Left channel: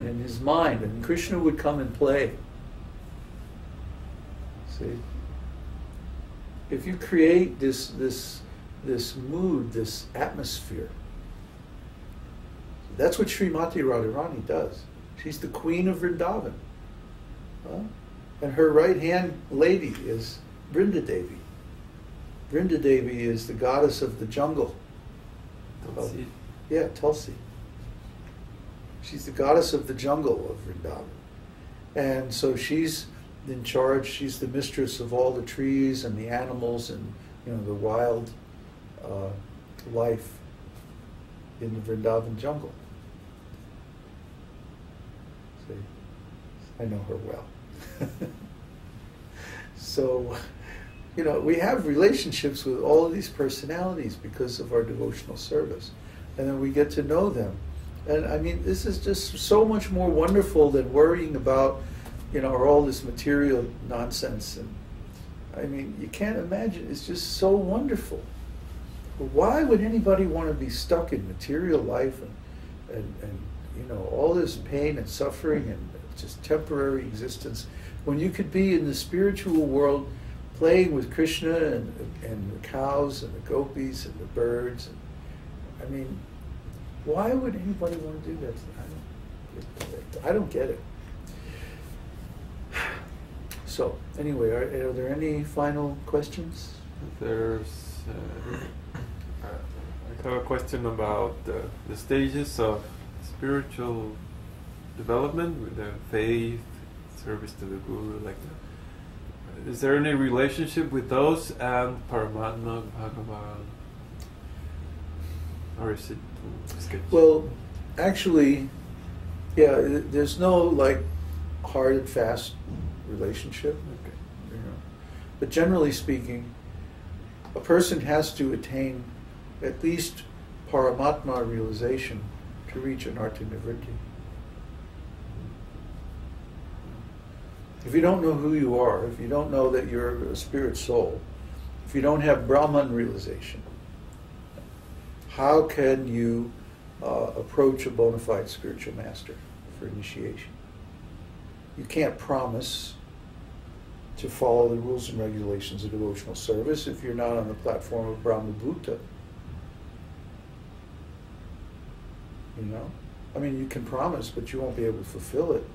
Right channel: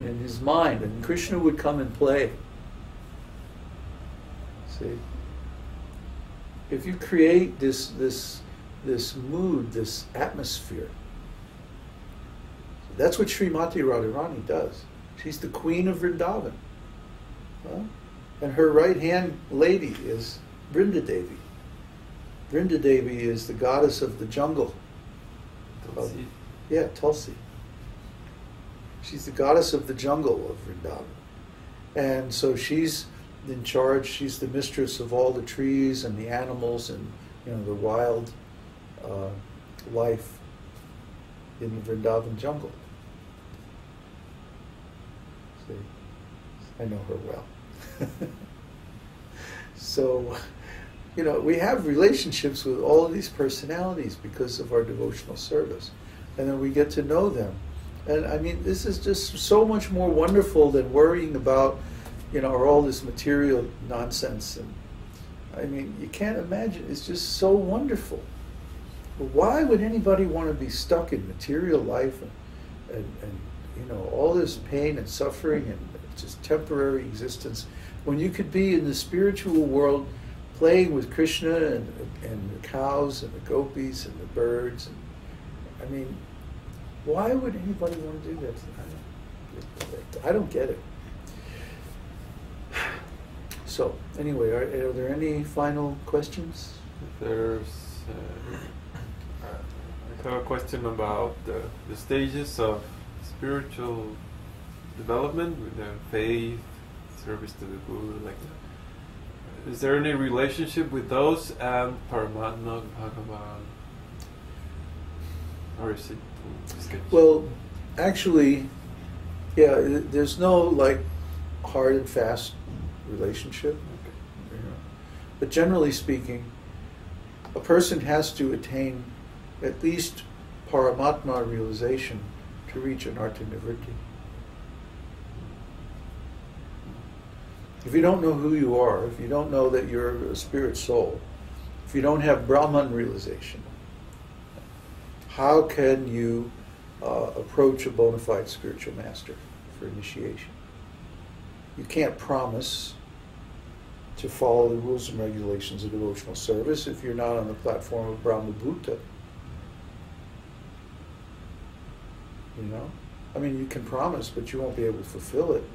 in his mind, and Krishna would come and play. See, if you create this mood, this atmosphere, that's what Srimati Radharani does. She's the queen of Vrindavan. Huh? And her right-hand lady is Vrinda Devi. Vrinda Devi is the goddess of the jungle. Tulsi. Yeah, Tulsi. She's the goddess of the jungle of Vrindavan. And so she's in charge, she's the mistress of all the trees and the animals and, you know, the wild life in the Vrindavan jungle. See, I know her well. So, you know, we have relationships with all of these personalities because of our devotional service. And then we get to know them. And I mean, this is just so much more wonderful than worrying about, you know, all this material nonsense. And I mean, you can't imagine, it's just so wonderful. Why would anybody want to be stuck in material life and you know, all this pain and suffering and just temporary existence, when you could be in the spiritual world playing with Krishna and the cows and the gopis and the birds? And, I mean, why would anybody want to do that? I don't get it. So, anyway, are there any final questions? There's, I have a question about the stages of spiritual development with the faith, service to the Guru, like that. Is there any relationship with those and Paramatma, Bhagavan? Or is it sketchy? Well, actually, yeah, there's no like hard and fast relationship. Okay. You know. But generally speaking, a person has to attain at least Paramatma realization to reach anartha nivritti. If you don't know who you are, if you don't know that you're a spirit soul, if you don't have Brahman realization, how can you approach a bona fide spiritual master for initiation? You can't promise to follow the rules and regulations of devotional service if you're not on the platform of Brahma Bhuta. You know? I mean, you can promise, but you won't be able to fulfill it.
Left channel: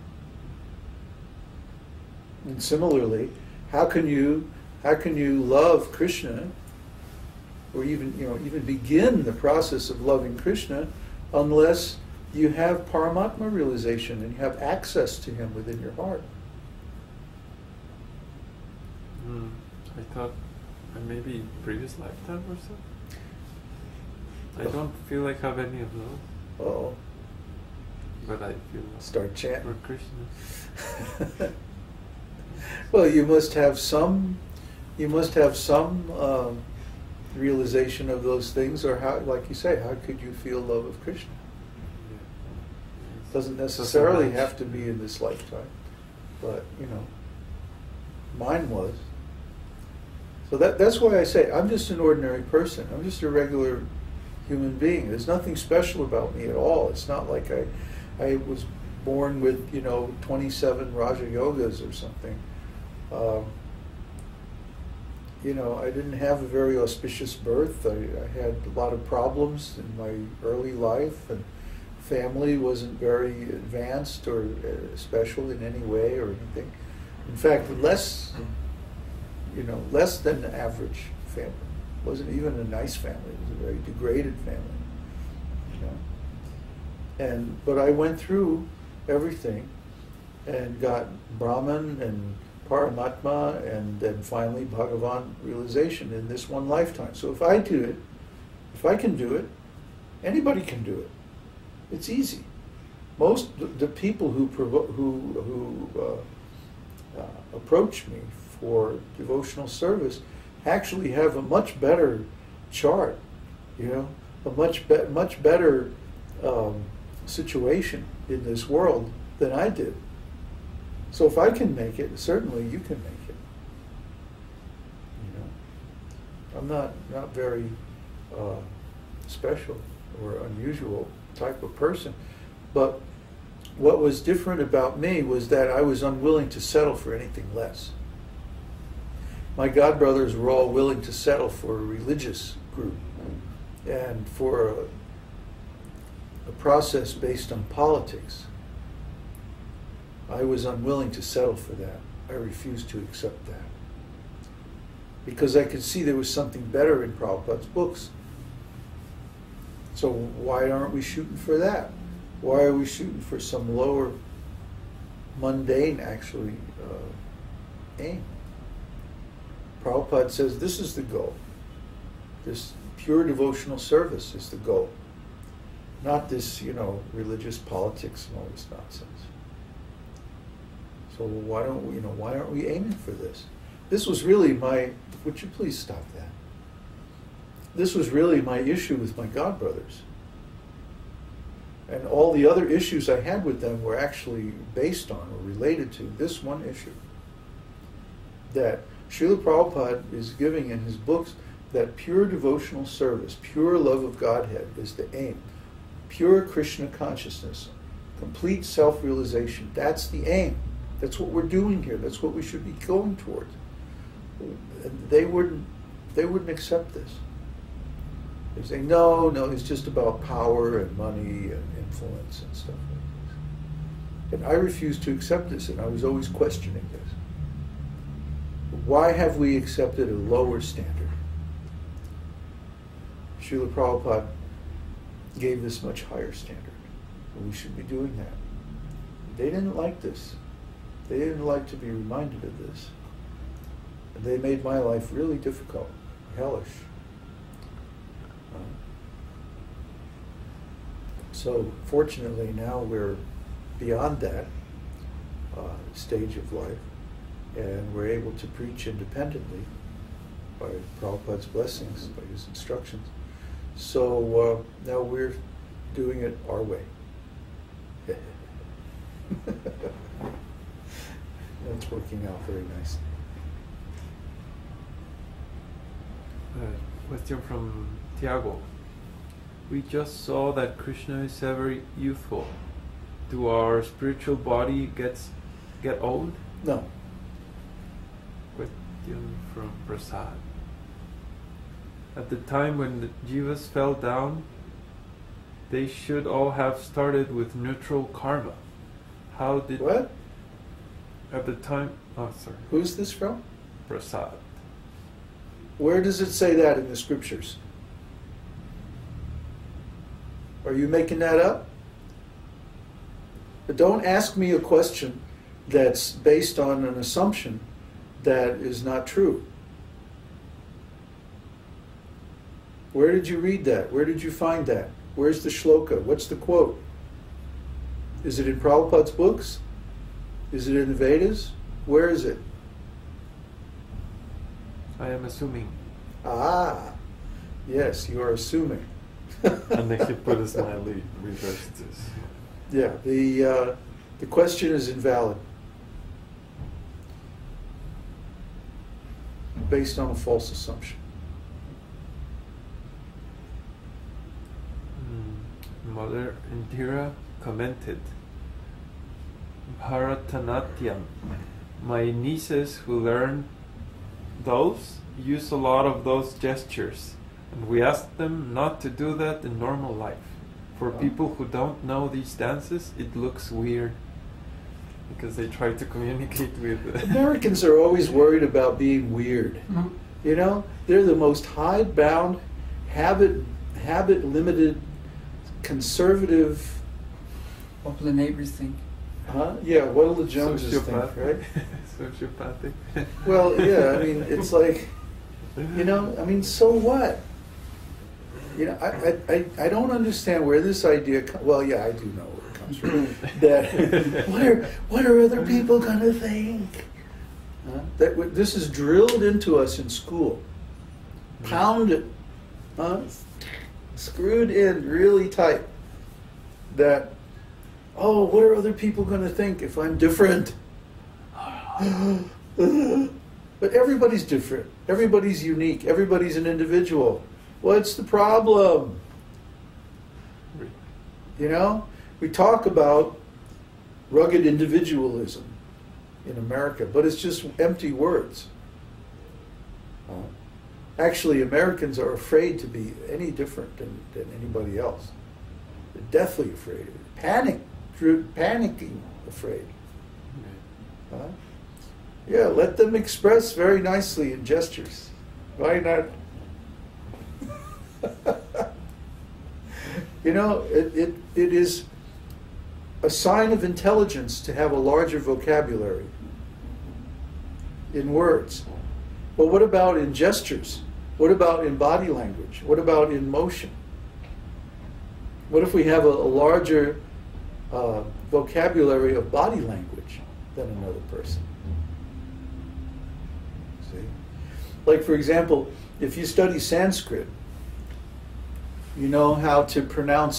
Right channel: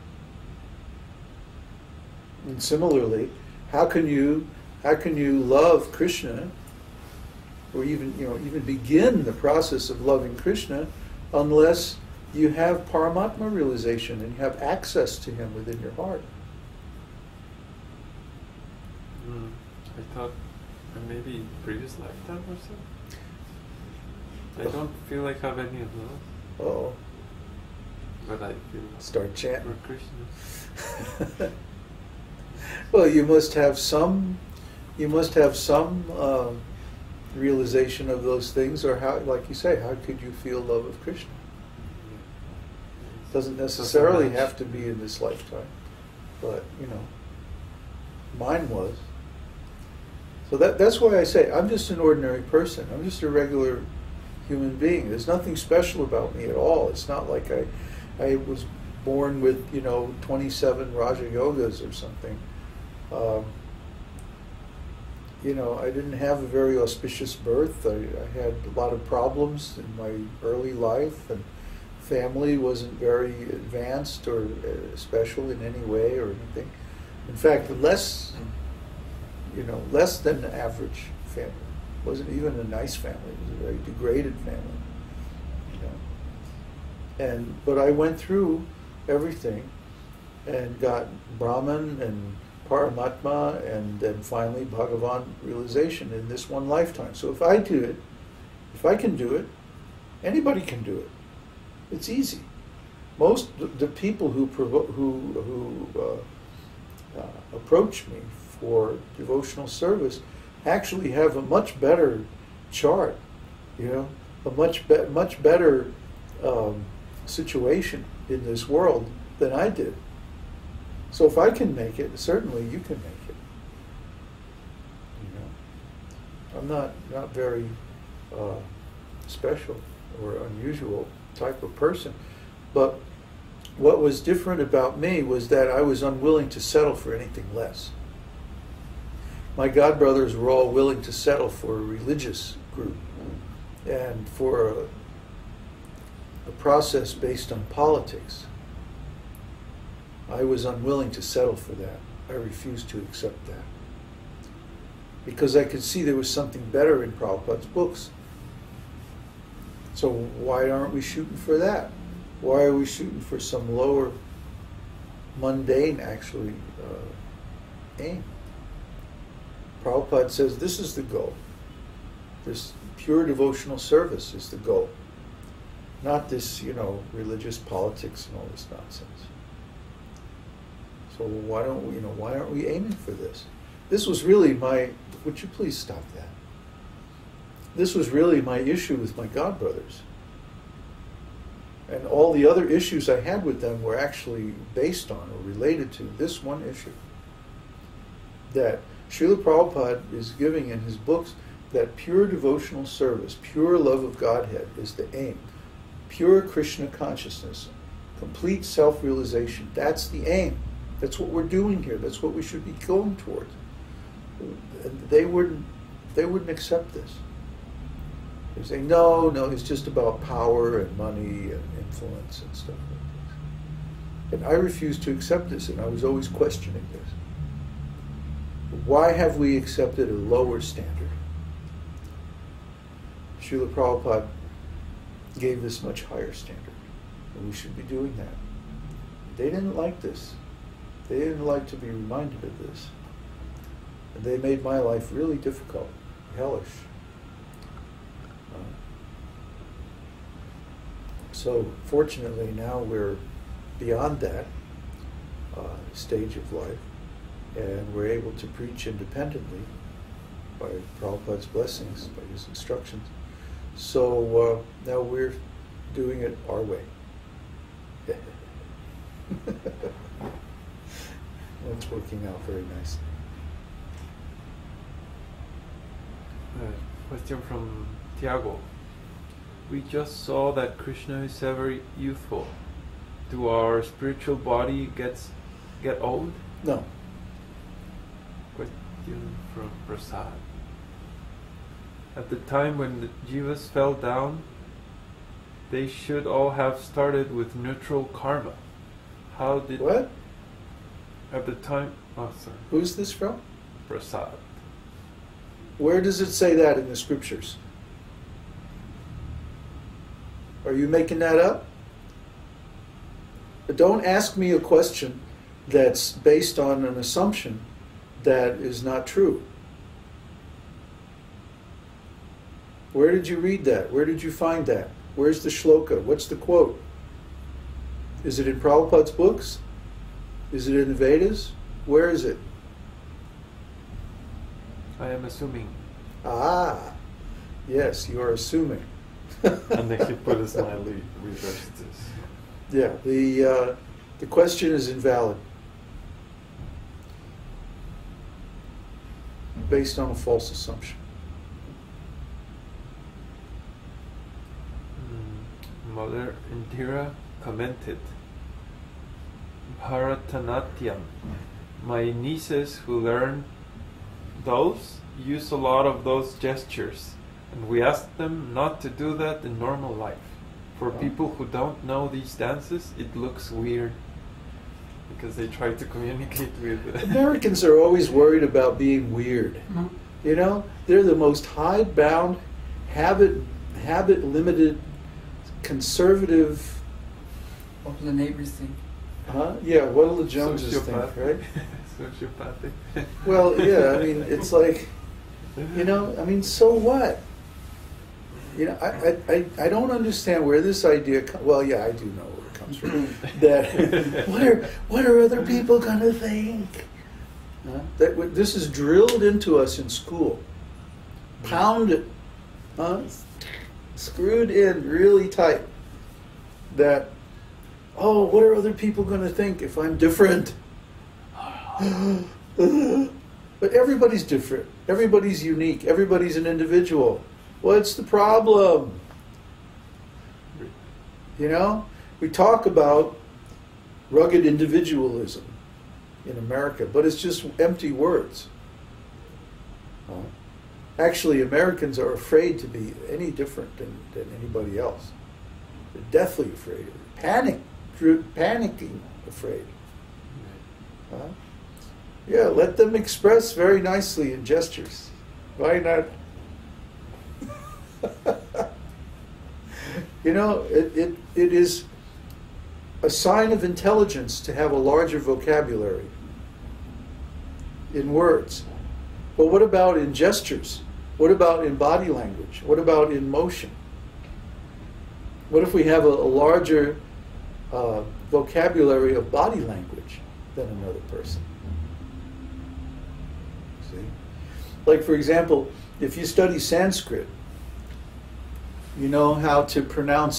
And similarly, how can you love Krishna, or even begin the process of loving Krishna, unless you have Paramatma realization and you have access to him within your heart? I thought maybe previous lifetime or so. I don't feel like I have any of those. Oh. But I feel start chanting for Krishna. Well, you must have some realization of those things, or how, like you say, how could you feel love of Krishna? Doesn't necessarily have to be in this lifetime, but you know, mine was. So that's why I say I'm just an ordinary person. I'm just a regular human being. There's nothing special about me at all. It's not like I was born with 27 Raja Yogas or something. I didn't have a very auspicious birth. I had a lot of problems in my early life, and family wasn't very advanced or special in any way or anything. In fact, less than the average family. It wasn't even a nice family. It was a very degraded family. But I went through everything and got Brahman and Paramatma and then finally Bhagavan realization in this one lifetime. So if I do it, if I can do it, anybody can do it. It's easy. Most the people who approach me for devotional service actually have a much better chart, a much better situation in this world than I did. So if I can make it, certainly you can make it. I'm not very special or unusual type of person, but what was different about me was that I was unwilling to settle for anything less. My godbrothers were all willing to settle for a religious group and for a process based on politics. I was unwilling to settle for that. I refused to accept that. Because I could see there was something better in Prabhupada's books. So why aren't we shooting for that? Why are we shooting for some lower, mundane, actually, aim? Prabhupada says this is the goal. This pure devotional service is the goal. Not this, religious politics and all this nonsense. So why aren't we aiming for this? This was really would you please stop that? This was really my issue with my godbrothers. And all the other issues I had with them were actually based on or related to this one issue. That Śrīla Prabhupada is giving in his books that pure devotional service, pure love of Godhead is the aim. Pure Kṛṣṇa consciousness, complete self-realization, that's the aim. That's what we're doing here. That's what we should be going towards. They wouldn't accept this. They say, no, it's just about power and money and influence and stuff like this. And I refused to accept this, and I was always questioning this. Why have we accepted a lower standard? Śrīla Prabhupada gave this much higher standard, and we should be doing that. They didn't like this. They didn't like to be reminded of this. And they made my life really difficult, hellish. So fortunately now we're beyond that stage of life, and we're able to preach independently by Prabhupada's blessings, by his instructions. So now we're doing it our way. That's working out very nicely. Question from Tiago. We just saw that Kṛṣṇa is ever youthful. Do our spiritual body get old? No. Question from Prasad. At the time when the jivas fell down, they should all have started with neutral karma. How did... What? At the time... Oh, sorry. Who's this from? Prasad. Where does it say that in the scriptures? Are you making that up? But don't ask me a question that's based on an assumption that is not true. Where did you read that? Where did you find that? Where's the shloka? What's the quote? Is it in Prabhupada's books? Is it in the Vedas? Where is it? I am assuming. Ah, yes, you are assuming. And then he put a smiley, reversed this. Yeah, the question is invalid. Based on a false assumption. Mother Indira commented, Bharatanatyam. My nieces who learn those use a lot of those gestures, and we ask them not to do that in normal life. For people who don't know these dances, it looks weird because they try to communicate with... Americans are always worried about being weird. Mm-hmm. You know, they're the most hidebound, habit-limited, conservative... What do the neighbors think? Huh? Yeah, what do the Joneses think, right? Sociopathic. Well, yeah, I mean, it's like, so what? I don't understand where this idea comes. Well, yeah, I do know where it comes from. That what are other people going to think? That this is drilled into us in school, pounded, screwed in really tight. That, what are other people going to think if I'm different? But everybody's different. Everybody's unique. Everybody's an individual. What's the problem? We talk about rugged individualism in America, but it's just empty words. Actually, Americans are afraid to be any different than anybody else. They're deathly afraid. Panicking afraid. Yeah, let them express very nicely in gestures. Why not? You know, it is a sign of intelligence to have a larger vocabulary in words. But what about in gestures? What about in body language? What about in motion? What if we have a larger vocabulary of body language than another person? See? Like, for example, if you study Sanskrit, you know how to pronounce